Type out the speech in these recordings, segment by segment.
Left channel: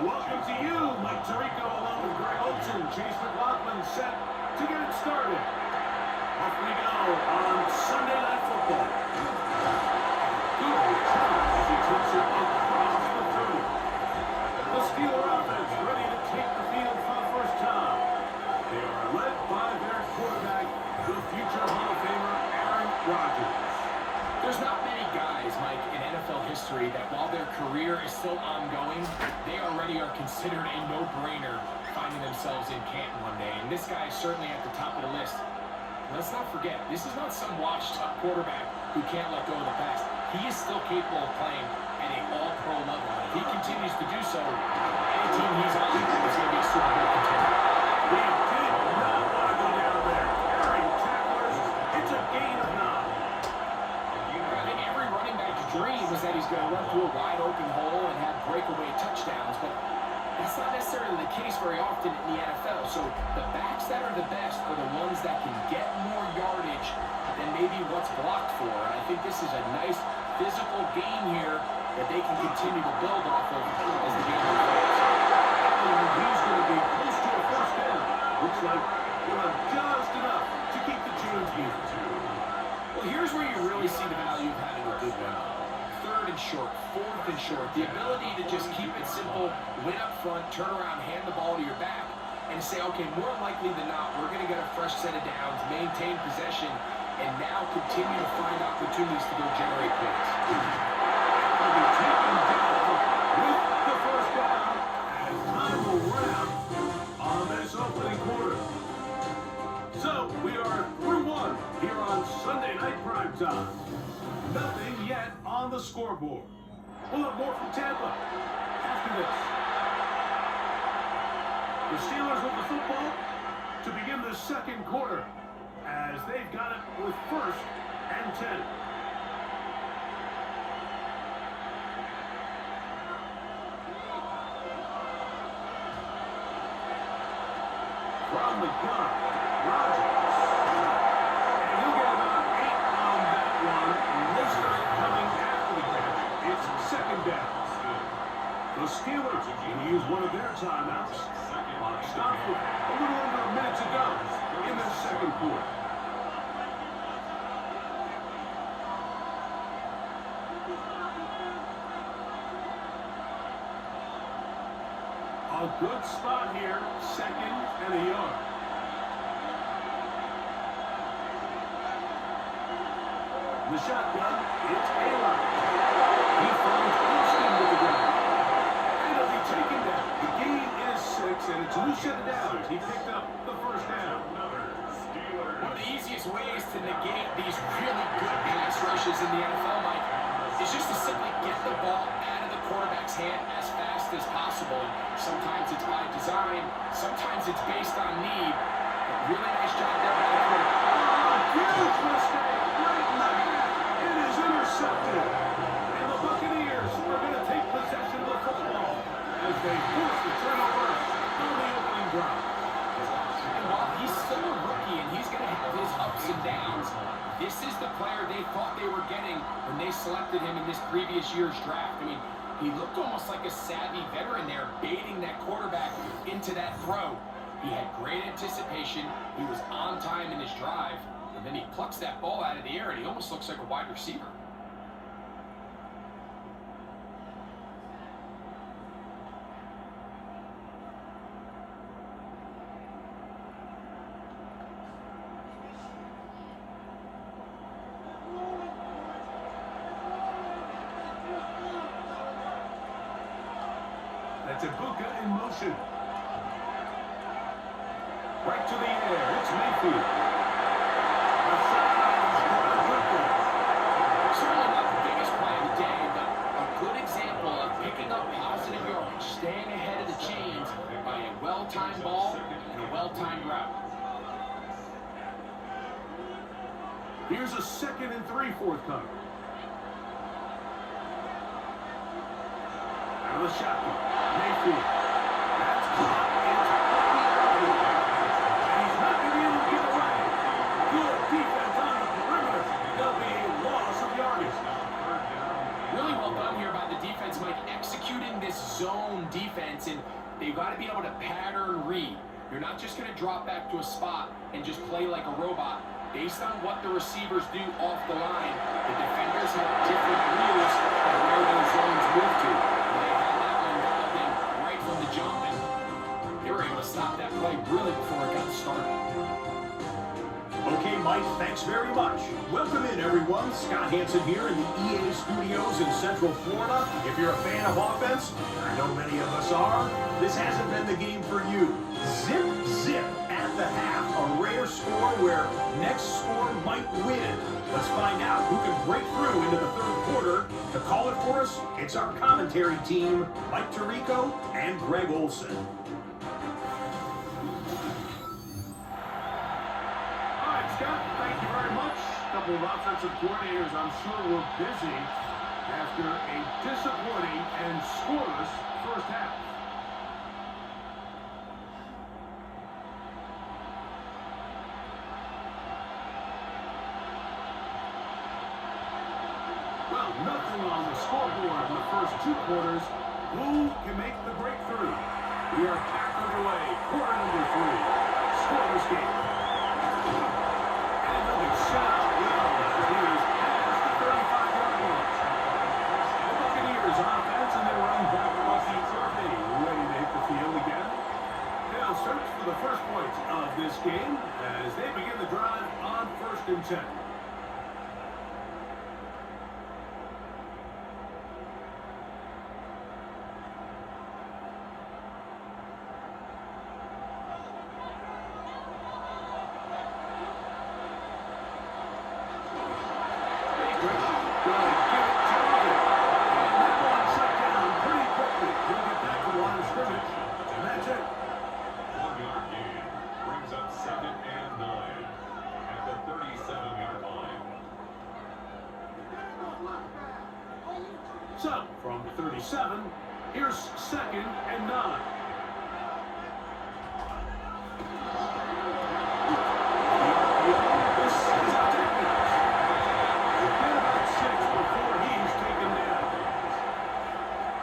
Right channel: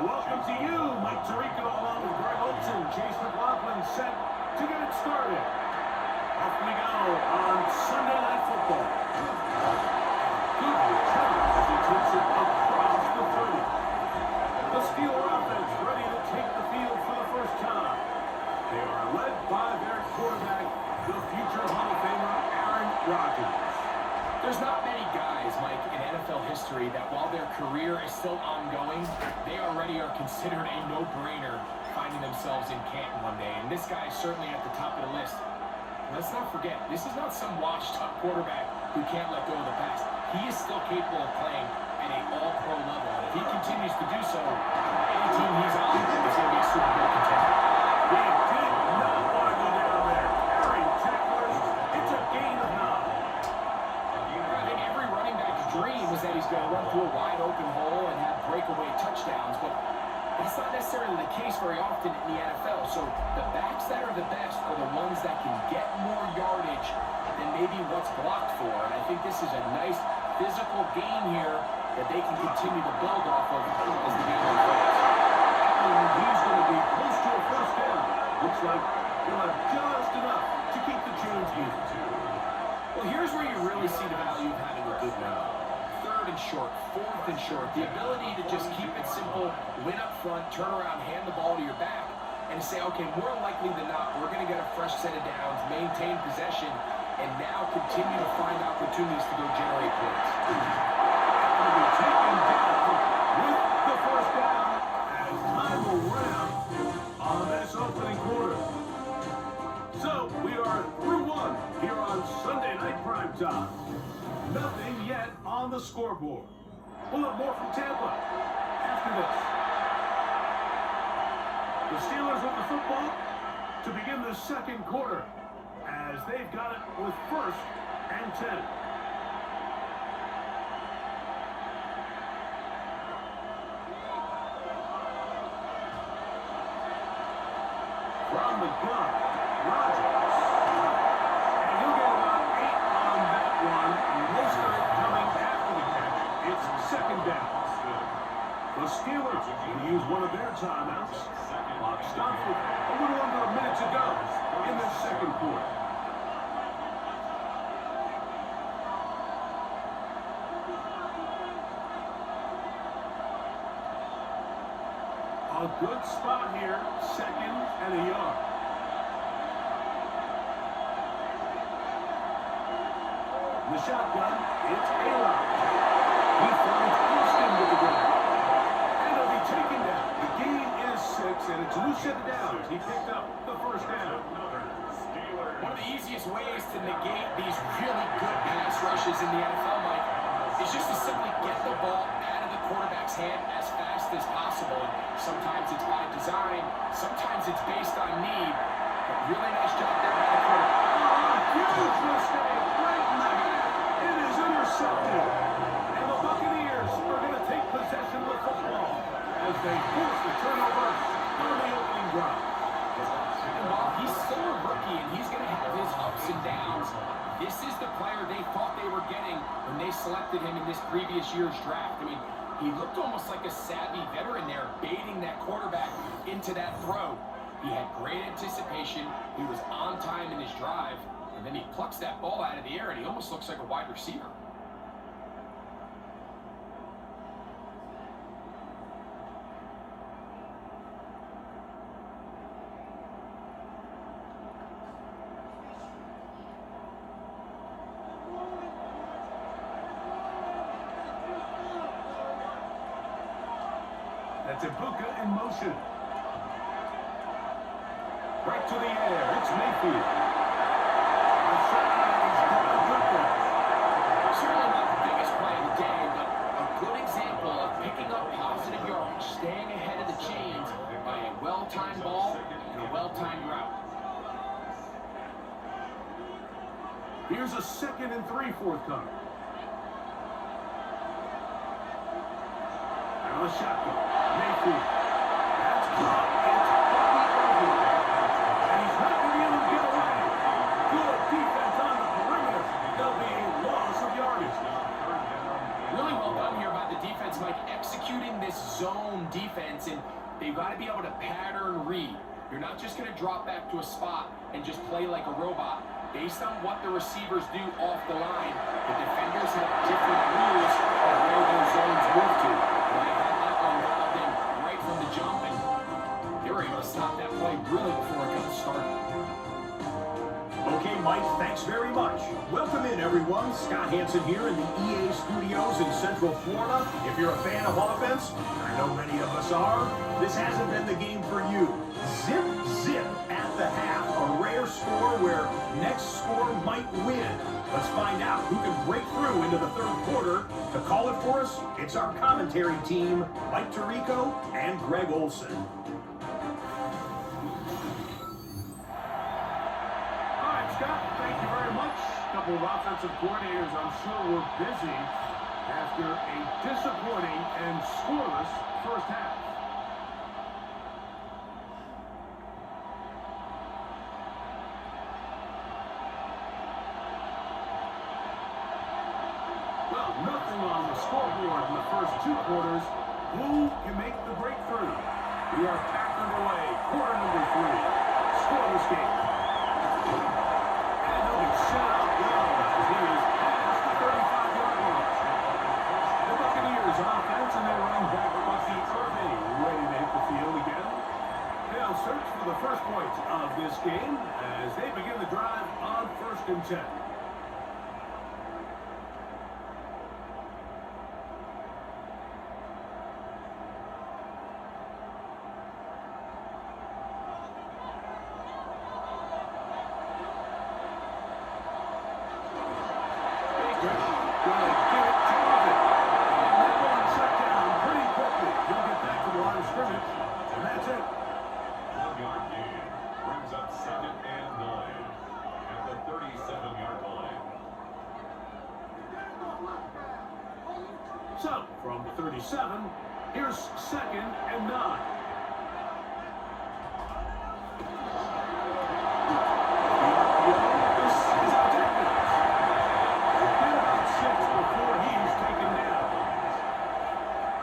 Well, welcome to you, Mike Tirico, along with Greg Olson, Chase McLaughlin, set to get it started. Off we go on Sunday Night Football. Good return as he takes it across the 30. The Steeler offense ready to take the field for the first time. They are led by their quarterback, the future Hall of Famer, Aaron Rodgers. There's not many guys, Mike, in NFL history that while their career is still ongoing, they already are considered a no-brainer finding themselves in Canton one day. And this guy is certainly at the top of the list. Let's not forget, this is not some washed-up quarterback who can't let go of the past. He is still capable of playing at an all-pro level. And if he continues to do so, any team he's on is going to be a Super Bowl contender. They did not want to go down there. Carrying tacklers, it's a gain of 9. I think every running back's dream was that he's going to run through a wide-open hole and have breakaway touchdowns, but that's not necessarily the case very often in the NFL. So the backs that are the best are the ones that can get more yardage than maybe what's blocked for. And I think this is a nice physical game here that they can continue to build off of as the game unfolds. And he's going to be close to a first down. Looks like he'll have just enough to keep the chains even. Well, here's where you really see the value of having a good win. 3rd and short, 4th and short. The ability to just keep it simple, win up front, turn around, hand the ball to your back, and say, okay, more likely than not, we're going to get a fresh set of downs, maintain possession, and now continue to find opportunities to go generate points. Going to be taken down with the first down as time will run out on this opening quarter. So we are through one here on Sunday Night Primetime. Nothing yet on the scoreboard. We'll have more from Tampa after this. The Steelers with the football to begin the second quarter as they've got it with 1st and 10. From the gun, Rodgers. And he'll get about 8 on that one. Most of it coming after the catch. It's 2nd down. The Steelers going to use one of their timeouts. Clock stopped with a little under a minute to go in the second quarter. A good spot here, 2nd and a yard. The shotgun, it's Ayla. He finds Austin with the ground. And he'll be taken down. The gain is 6, and it's a new set of downs. He picked up the first down. One of the easiest ways to negate these really good pass rushes in the NFL, Mike, is just to simply get the ball out of the quarterback's hand as fast as possible. Sometimes it's by design, sometimes it's based on need. But really nice job there by the quarterback. Huge mistake right in the half. It is intercepted. And the Buccaneers are going to take possession of the football as they force the turnover on the opening drive. And while he's still a rookie and he's going to have his ups and downs, this is the player they thought they were getting when they selected him in this previous year's draft. I mean, he looked almost like a savvy veteran there, baiting that quarterback into that throw. He had great anticipation. He was on time in his drive. And then he plucks that ball out of the air, and he almost looks like a wide receiver. That's Buccaneers in motion. Right to the air. It's Mayfield. The sidelines got a good one. Certainly not the biggest play of the day, but a good example of picking up positive yardage, staying ahead of the chains by a well-timed ball and a well-timed route. Here's a 2nd and 3 forthcoming. Out of the shotgun. Mayfield. That's caught. It's Bucky. And he's not going to be able to get away. Good defense on the perimeter. There'll be a loss of yardage. Really well done here by the defense, Mike, executing this this zone defense, and they've got to be able to pattern read. You're not just going to drop back to a spot and just play like a robot. Based on what the receivers do off the line, the defenders have different rules of where those zones move to. And they had that one dialed in right from the jump, and they were able to stop that play really before it got started. Okay, Mike, thanks very much. Welcome in, everyone. Scott Hansen here in the EA studios in Central Florida. If you're a fan of offense, I know many of us are, this hasn't been the game for you. Zip, zip at the half. A rare score where next score might win. Let's find out who can break through into the third quarter. To call it for us, it's our commentary team, Mike Tirico and Greg Olson. Scott, thank you very much. A couple of offensive coordinators, I'm sure, were busy after a disappointing and scoreless first half. Well, nothing on the scoreboard in the first two quarters. Who can make the breakthrough? We are back underway. Quarter number 3. Scoreless game. Shut up, Buccaneers past the 35-yard line. The Buccaneers offense and their running back Bucky Irving ready to hit the field again. They'll search for the first points of this game as they begin the drive on 1st and 10. So, from 37, here's 2nd and 9. This is our defense. It's been about 6 before he's taken down.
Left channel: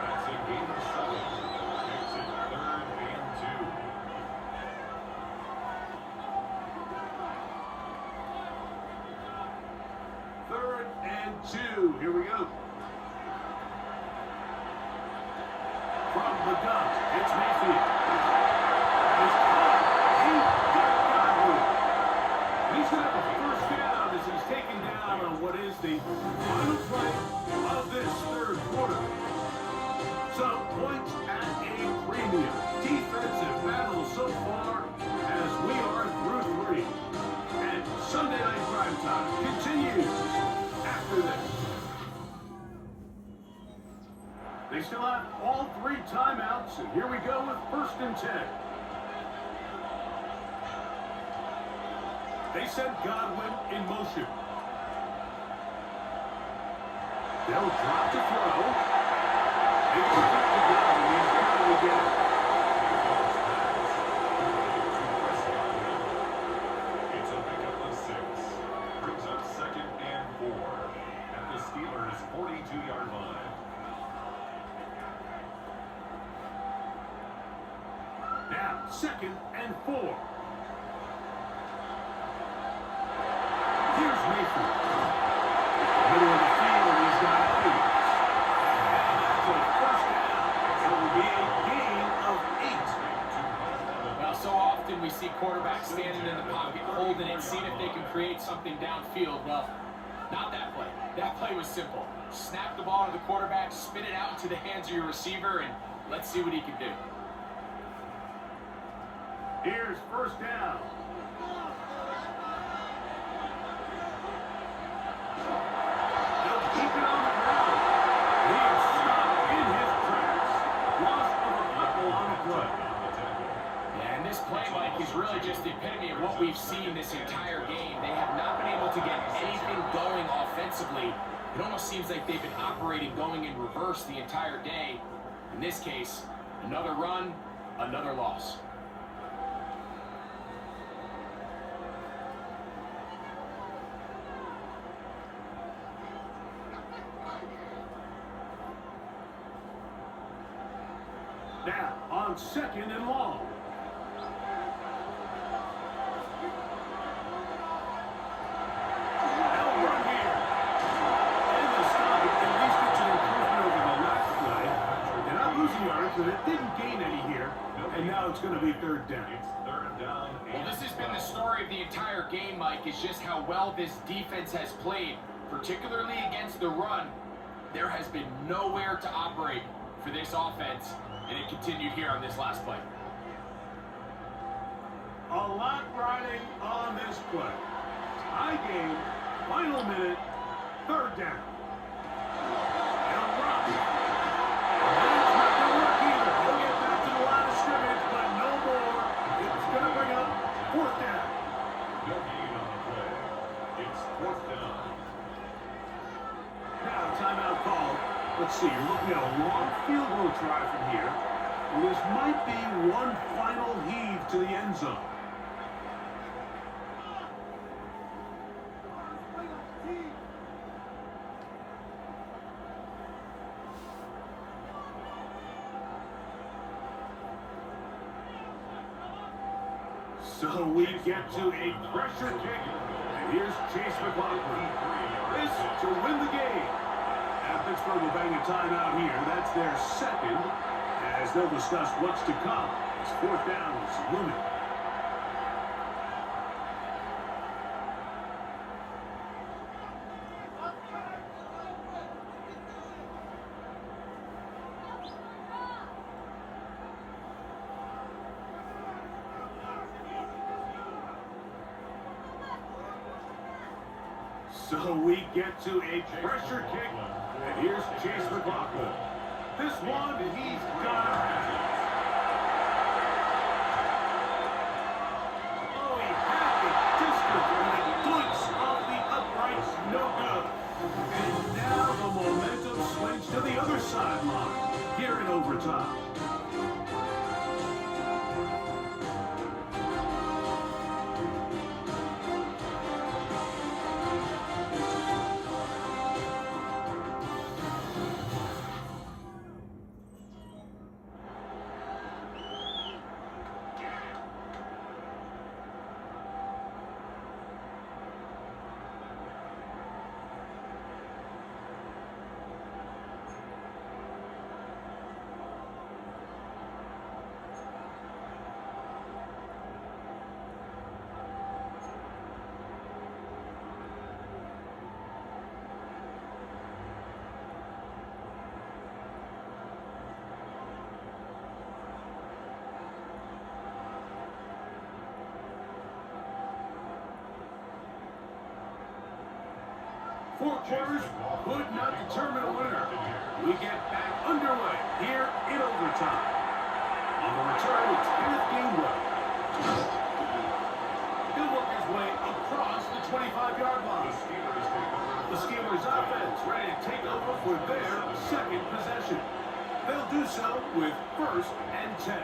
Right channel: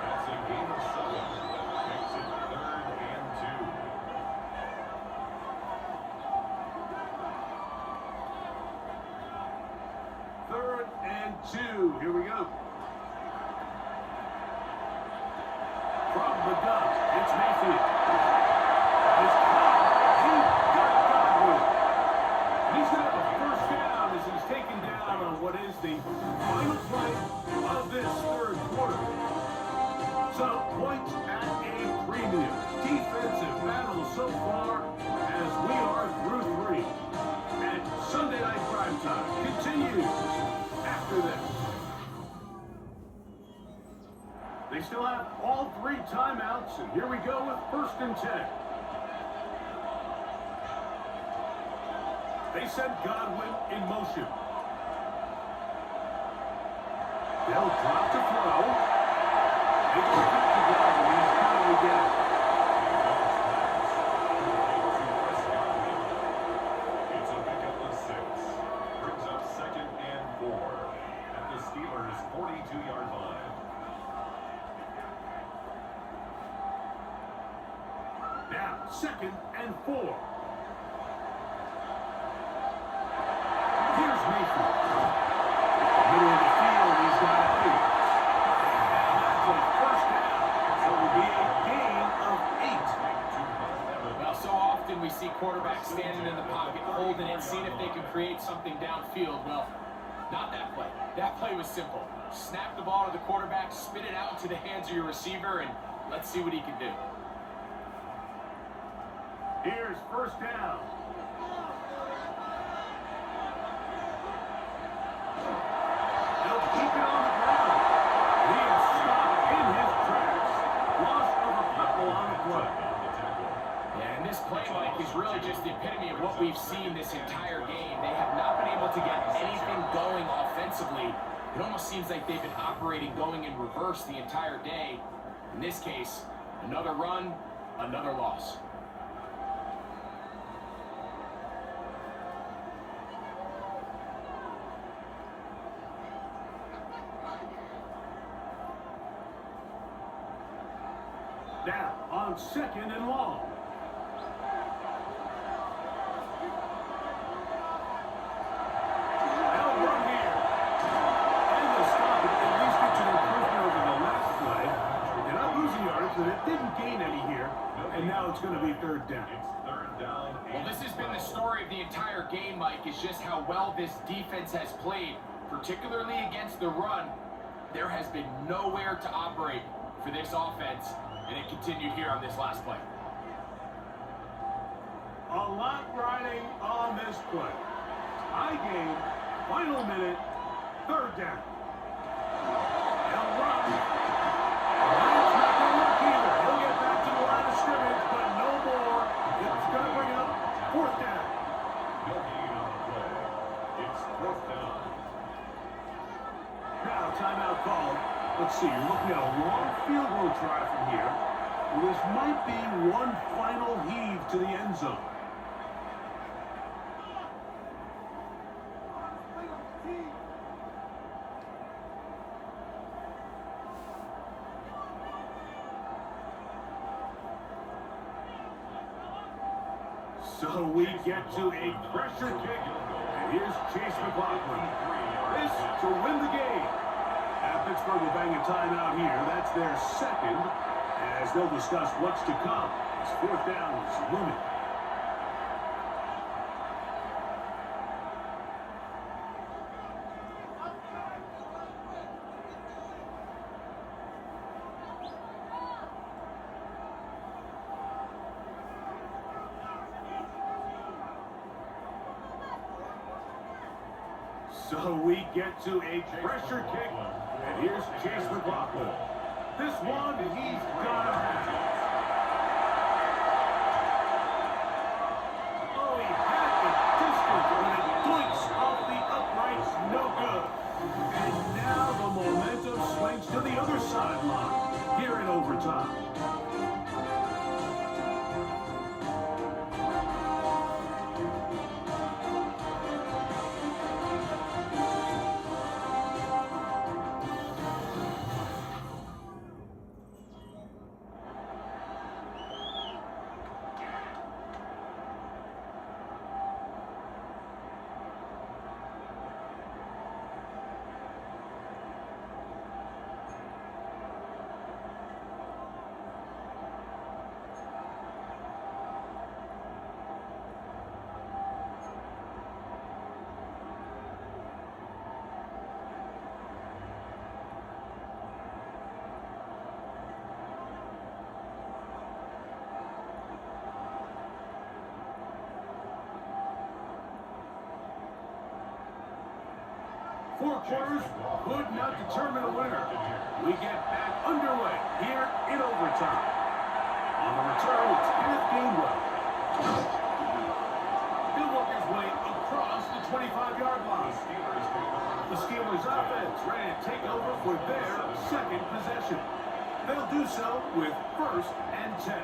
That's a game of 7. Makes it 3rd and 2. 3rd and 2. Here we go. From the gun, it's Mayfield. It's caught. He got Godwin. He's going to have a first down as he's taken down on what is the final play of this third quarter. So, points at a premium. Defensive battle so far as we are through 3. And Sunday Night Primetime continues after this. They still have all 3 timeouts, and here we go with 1st and 10. They send Godwin in motion. They'll drop to throw. They go back to Godwin. He's going to get it. It's a pickup of 6. Brings up 2nd and 4 at the Steelers' 42-yard line. Now, 2nd and 4. Here's Mayfield. Middle of the field, he's got 8. And that's a first down. So it will be a gain of 8. Well, so often we see quarterbacks standing in the pocket, holding it, seeing if they can create something downfield. Well, not that play. That play was simple. Snap the ball to the quarterback, spin it out into the hands of your receiver, and let's see what he can do. Here's first down. They'll keep it on the ground. He is stopped in his tracks. Loss of a couple on the play. Yeah, and this play, Mike, is really just the epitome of what we've seen this entire game. They have not been able to get anything going offensively. It almost seems like they've been operating going in reverse the entire day. In this case, another run, another loss. Now, on 2nd and long. Now run here. And the stop at least gets an improvement over the last play. They're not losing yards, but it didn't gain any here. And now it's going to be 3rd down. It's 3rd down. Well, this has been the story of the entire game, Mike, is just how well this defense has played, particularly against the run. There has been nowhere to operate for this offense, and it continued here on this last play. A lot riding on this play. High game, final minute, 3rd down. He'll run. That's not going to work either. He'll get back to the line of scrimmage, but no more. It's going to bring up 4th down. No gain on the play. It's 4th down. Now, timeout called. Let's see, you're looking at a long field goal try from here. This might be one final heave to the end zone. So we get to a pressure kick. And here's Chase McLaughlin. This to win the game. Pittsburgh will bang a timeout here. That's their 2nd, as they'll discuss what's to come. As 4th down is looming. So we get to a pressure kick, and here's Chase McLaughlin. This one, he's got to have it. Oh, he had the distance, and it doinks off the uprights, no good. And now the momentum swings to the other sideline, here in overtime. Four quarters could not determine a winner. We get back underway here in overtime. On the return, it's Kenneth Gainwell. He'll work his way across the 25-yard line. The Steelers offense ready to take over for their 2nd possession. They'll do so with 1st and 10.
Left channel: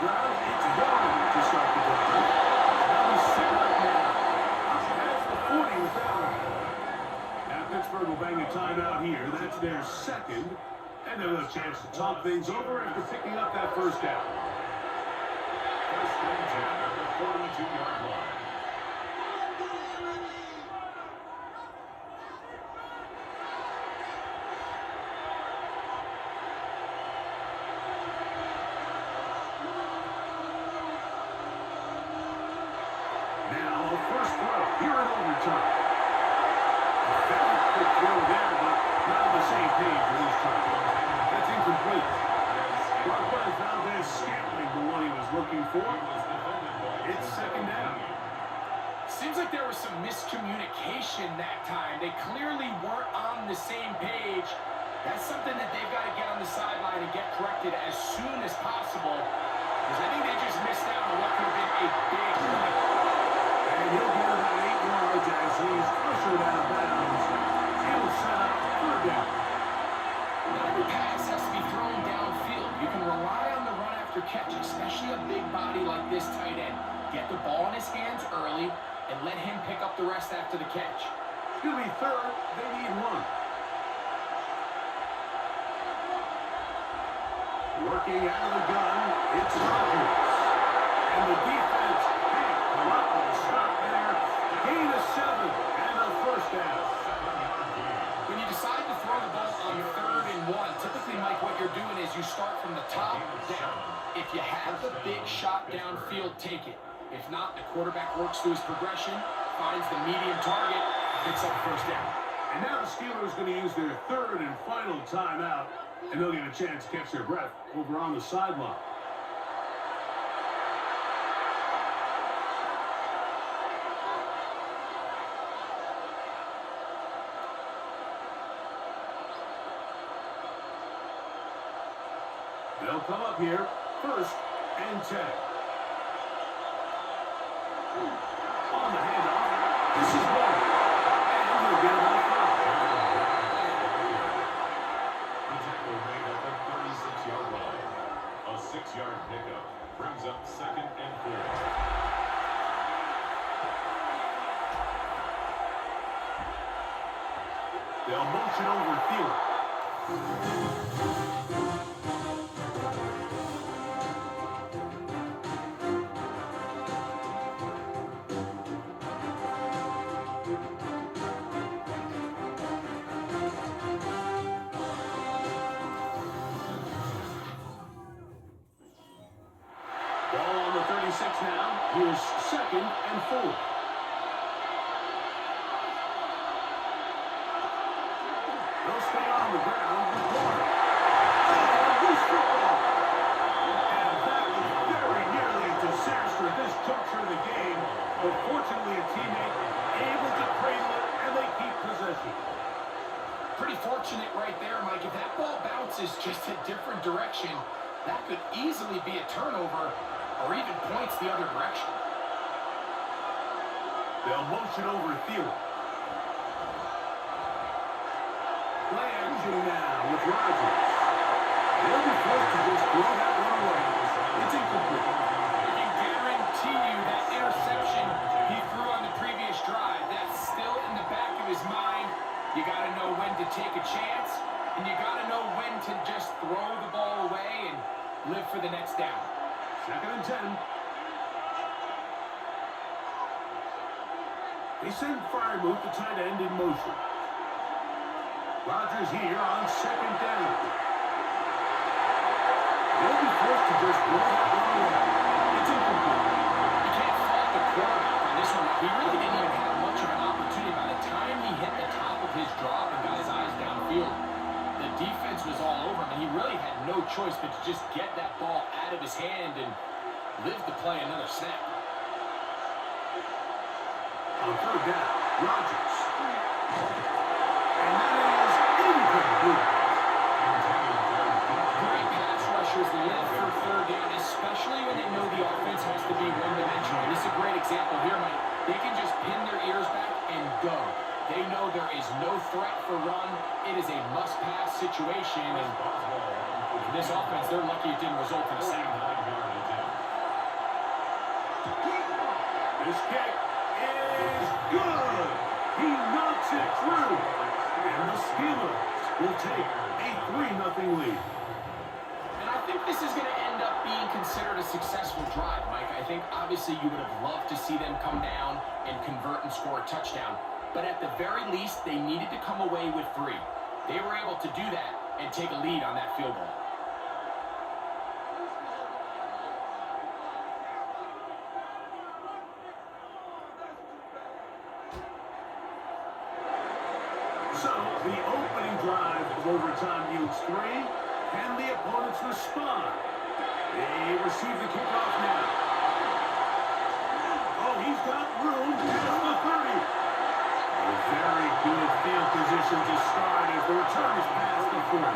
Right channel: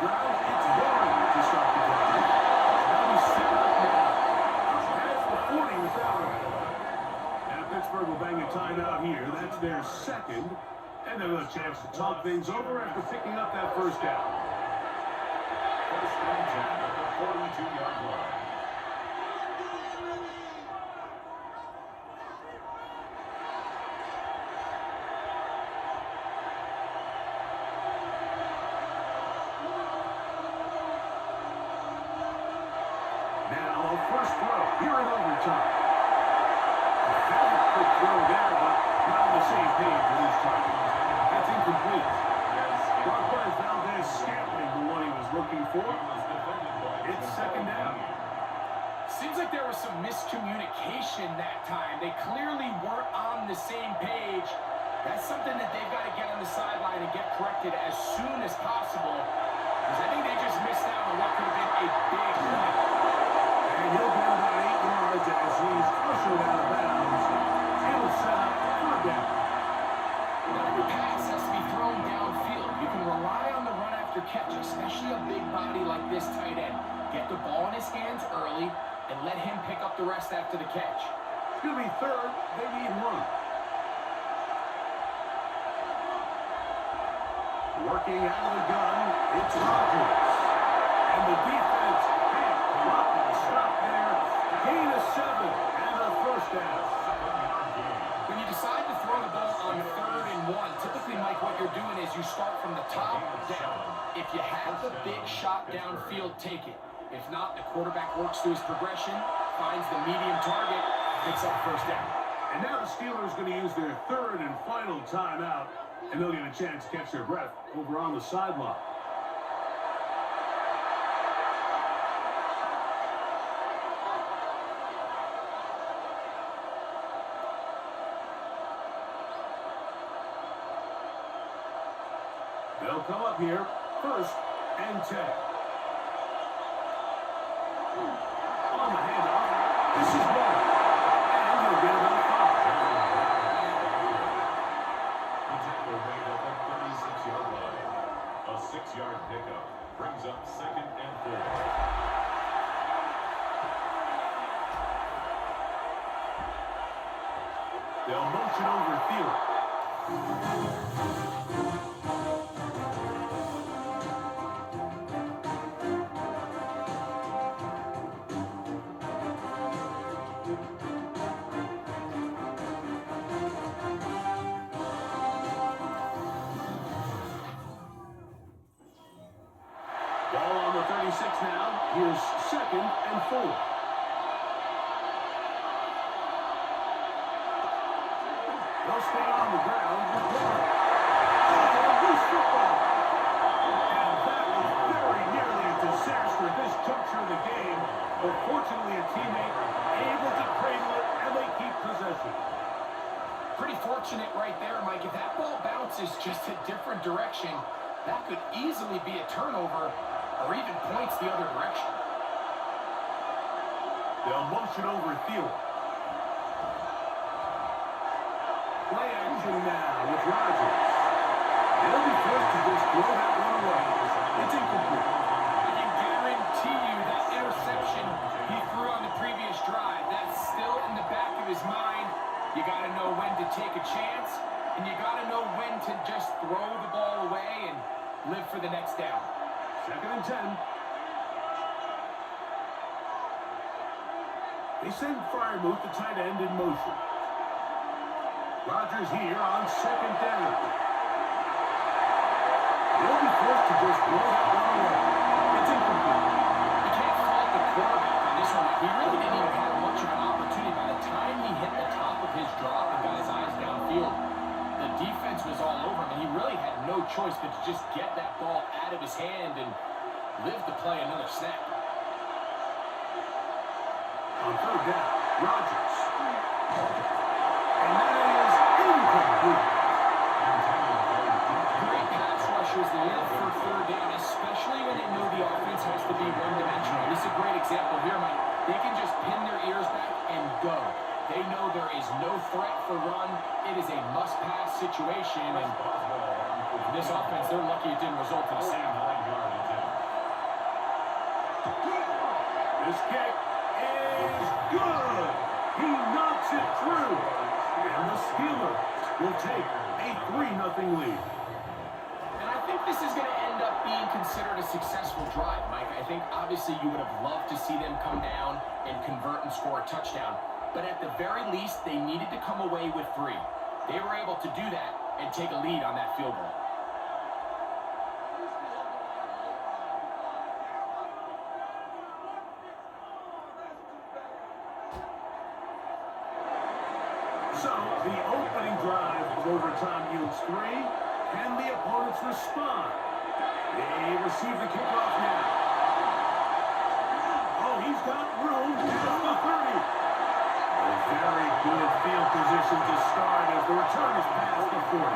Ground, it's going to start the drive. Now he's set up now. That's the 40 with that one. Now Pittsburgh will bang a timeout here. That's their 2nd. And they'll have a chance to talk things over after picking up that 1st down. 1st and 10 at the 42-yard line. First throw here in overtime. A very quick throw there, but not on the same page for this time. That's incomplete. Marquez Valdez Scantling, the one he was looking for. It's 2nd down. Seems like there was some miscommunication that time. They clearly weren't on the same page. That's something that they've got to get on the sideline and get corrected as soon as possible, because I think they just missed out on what could have been a big play. And he'll get about 8 yards as he's body like this tight end. Get the ball in his hands early and let him pick up the rest after the catch. It's going to be third. They need one. Working out of the gun, it's Rodgers. And the defense can't come up with a stop there. Gain of 7 and a first down. When you decide to throw the ball on 3rd and 1, typically, Mike, what you're doing is you start from the top down. If you have the big shot downfield, take it. If not, the quarterback works through his progression, finds the medium target, picks up first down. And now the Steelers are going to use their 3rd and final timeout, and they'll get a chance to catch their breath over on the sideline. They'll come up here, 1st and 10. On the handoff, this is 1. And he'll get another 5. The tackle made at the 36-yard line. A 6-yard pickup brings up 2nd and 4. They'll motion over Thielen. Ball on the 36 now. Here's 2nd and 4. They'll stay on the ground with Warren. Oh, loose football. And that was very nearly a disaster at this juncture of the game. But fortunately, a teammate able to cradle it, and they keep possession. Pretty fortunate right there, Mike. If that ball bounces just a different direction, that could easily be a turnover or even points the other direction. They'll motion over Thielen. Play action now with Rodgers. They'll be forced to just throw that one away. It's incomplete. I can guarantee you that interception he threw on the previous drive, that's still in the back of his mind. You got to know when to take a chance, and you got to know when to just throw the ball away and live for the next down. 2nd and 10. They send Freiermuth, the tight end, in motion. Rodgers here on 2nd down. They'll be forced to just throw that one away. It's incomplete. You can't fault the quarterback on this one. He really didn't even have much of an opportunity. By the time he hit the top of his drop and got his eyes downfield, the defense was all over him, and he really had no choice but to just get that ball out of his hand and live to play another snap. On 3rd down, Rodgers. And that is incomplete. Great pass rushers live for 3rd down, especially when they know the offense has to be one-dimensional. This is a great example here, Mike. They can just pin their ears back and go. They know there is no threat for run. It is a must-pass situation, and this offense, they're lucky it didn't result in a sack. This kick is good. He knocks it through. And the Steelers will take a 3-0 lead. And I think this is going to end up being considered a successful drive, Mike. I think obviously you would have loved to see them come down and convert and score a touchdown. But at the very least, they needed to come away with 3. They were able to do that and take a lead on that field goal. So, the opening drive of overtime yields 3. Can the opponents respond? They receive the kickoff now. Oh, he's got room. Here's the 30. A very good field position to start as the return is past the 40.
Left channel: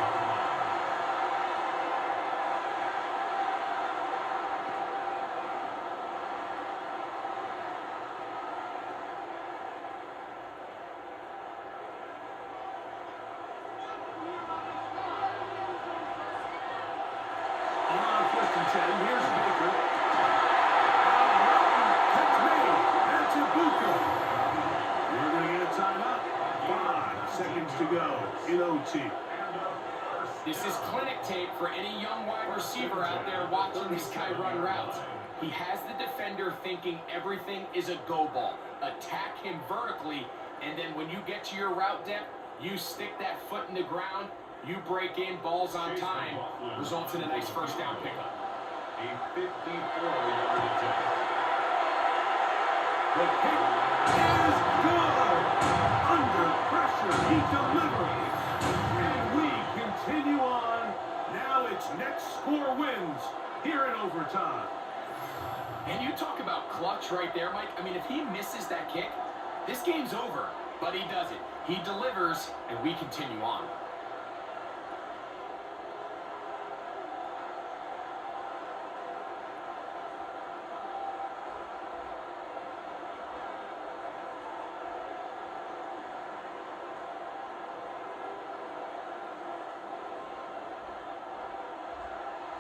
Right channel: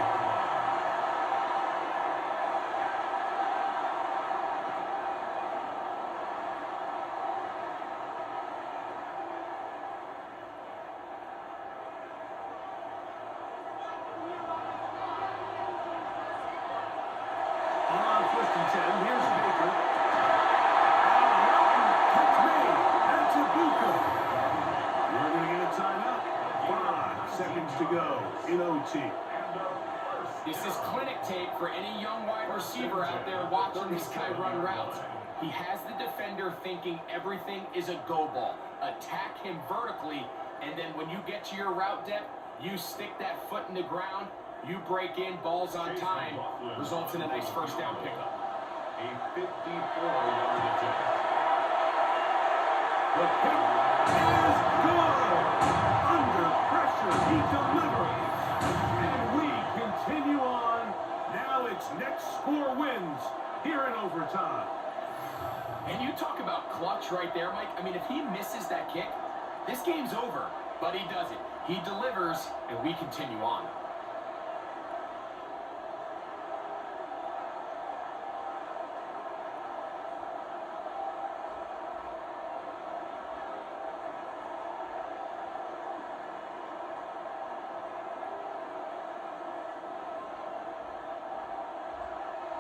On 1st and 10, here's Baker. to go in OT. This is clinic tape for any young wide receiver out there watching this guy run routes. He has the defender thinking everything is a go ball. Attack him vertically, and then when you get to your route depth, you stick that foot in the ground, you break in, balls on time, results in a nice first down pickup. A 54-yard attempt. The pick is good. Under pressure, he delivers. And we continue on. Now it's next score wins here in overtime. And you talk about clutch right there, Mike. I mean, if he misses that kick, this game's over. But he doesn't. He delivers, and we continue on.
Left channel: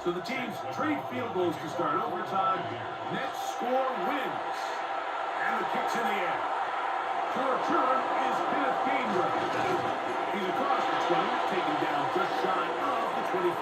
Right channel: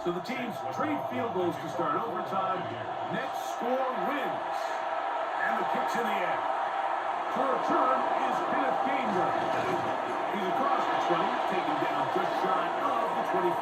So the teams trade field goals to start overtime. Next score wins. And the kick's in the air. To return is Kenneth Gainwell. He's across the 20, taken down just shy of the 25.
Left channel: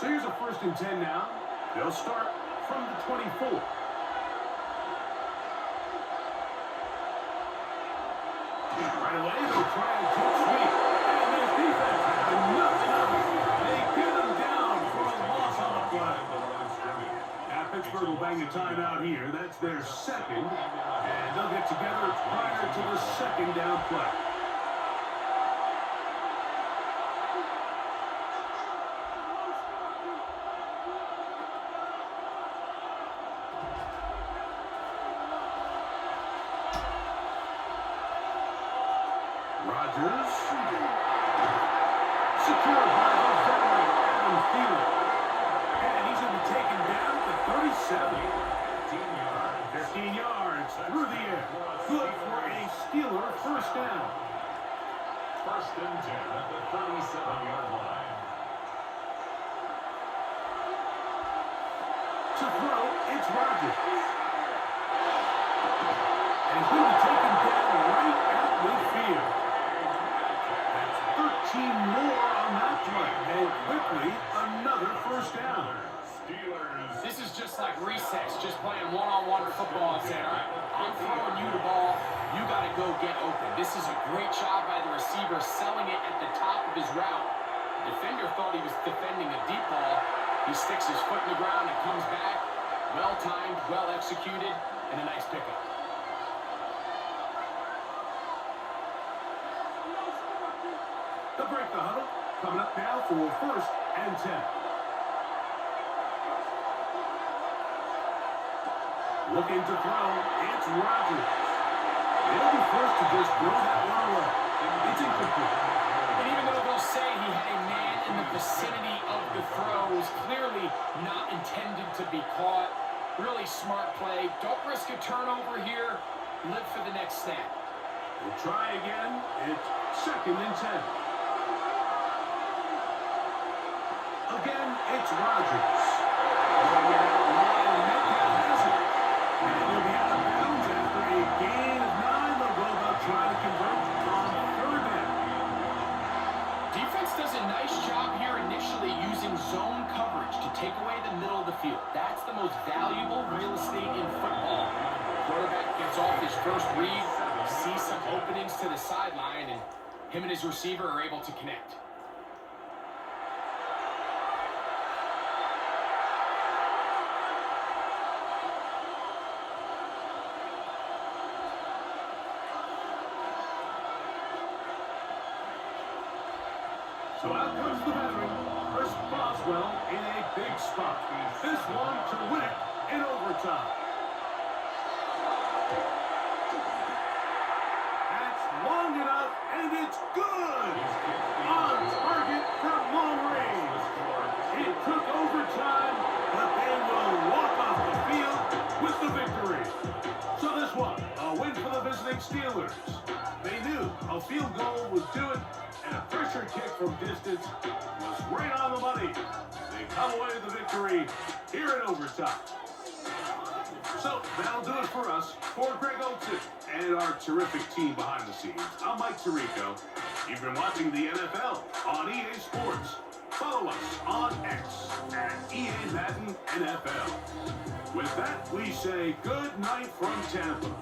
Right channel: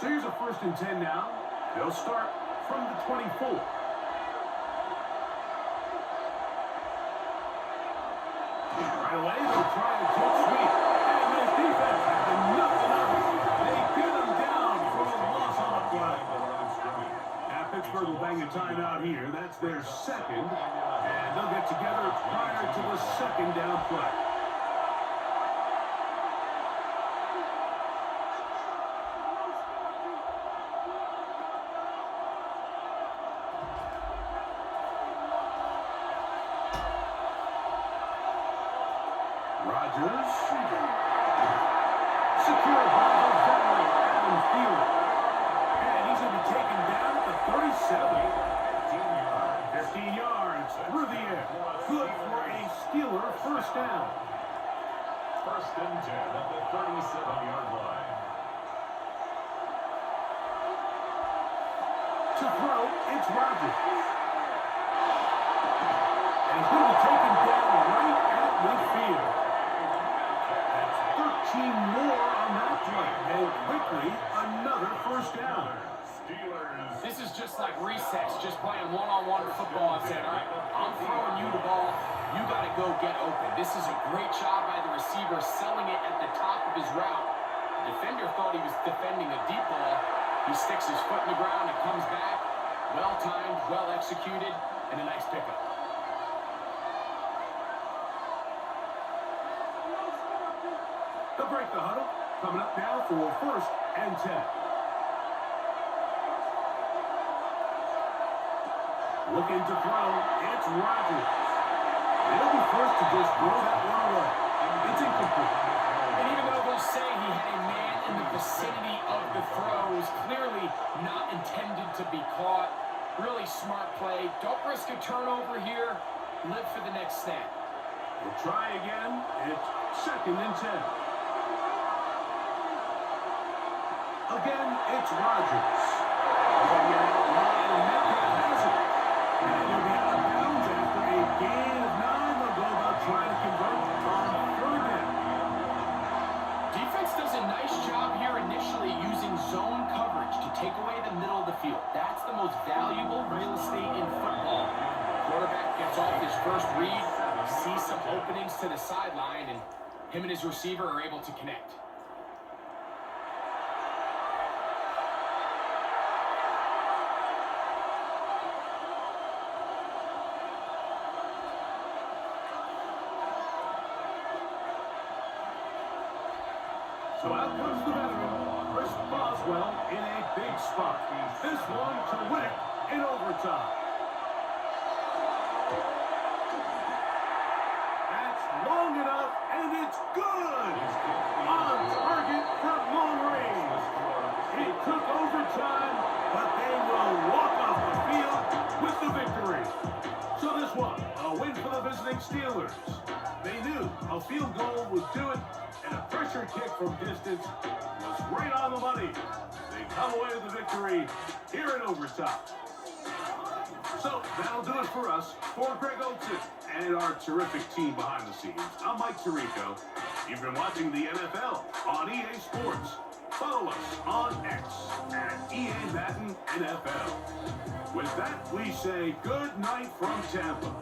So here's a 1st and 10 now. They'll start from the 24. Right away, they'll try a jet sweep. And this defense has nothing of it. They get them down for a loss on the play. Pittsburgh will bang a timeout here. That's their second. And they'll get together prior to the second down play. Rodgers, secured by the veteran Adam Thielen. And he's going to be taken down at the 37. 15 yards through the air. Good for a Steeler first down. 1st and 10 at the 37-yard line. To throw, it's Rodgers. And he's going to be taken down right at midfield. 13 more on that play, and quickly another first down. This is just like recess, just playing one-on-one football and saying, all right, I'm throwing you the ball, you got to go get open. This is a great job by the receiver selling it at the top of his route. The defender thought he was defending a deep ball. He sticks his foot in the ground and comes back. Well-timed, well-executed, and a nice pickup. They'll break the huddle. Coming up now for 1st and 10. Looking to throw, it's Rodgers. They'll be forced to just throw that one away. It's incomplete. And even though they'll say he had a man in the vicinity of the throws, clearly not intended to be caught. Really smart play. Don't risk a turnover here. Live for the next snap. We'll try again. It's 2nd and 10. Again, it's Rodgers. And Metcalf has it. And he'll be out of bounds after a gain of 9. They'll go about trying to convert on 3rd down. Defense does a nice job here initially using zone coverage to take away the middle of the field. That's the most valuable real estate in football. Quarterback gets off his first read, sees some openings to the sideline, and him and his receiver are able to connect. So out comes the veteran, Chris Boswell, in a big spot. This one to win it in overtime. long enough, and it's good. On target from long range. It took overtime, but they will walk off the field with the victory. So this one, a win for the visiting Steelers. They knew a field goal would do it, and a pressure kick from distance was right on the money. They come away with the victory here in overtime. So that'll do it for us. For Greg Olson and our terrific team behind the scenes, I'm Mike Tirico. You've been watching the NFL on EA Sports. Follow us on X at EA Madden NFL. With that, we say good night from Tampa.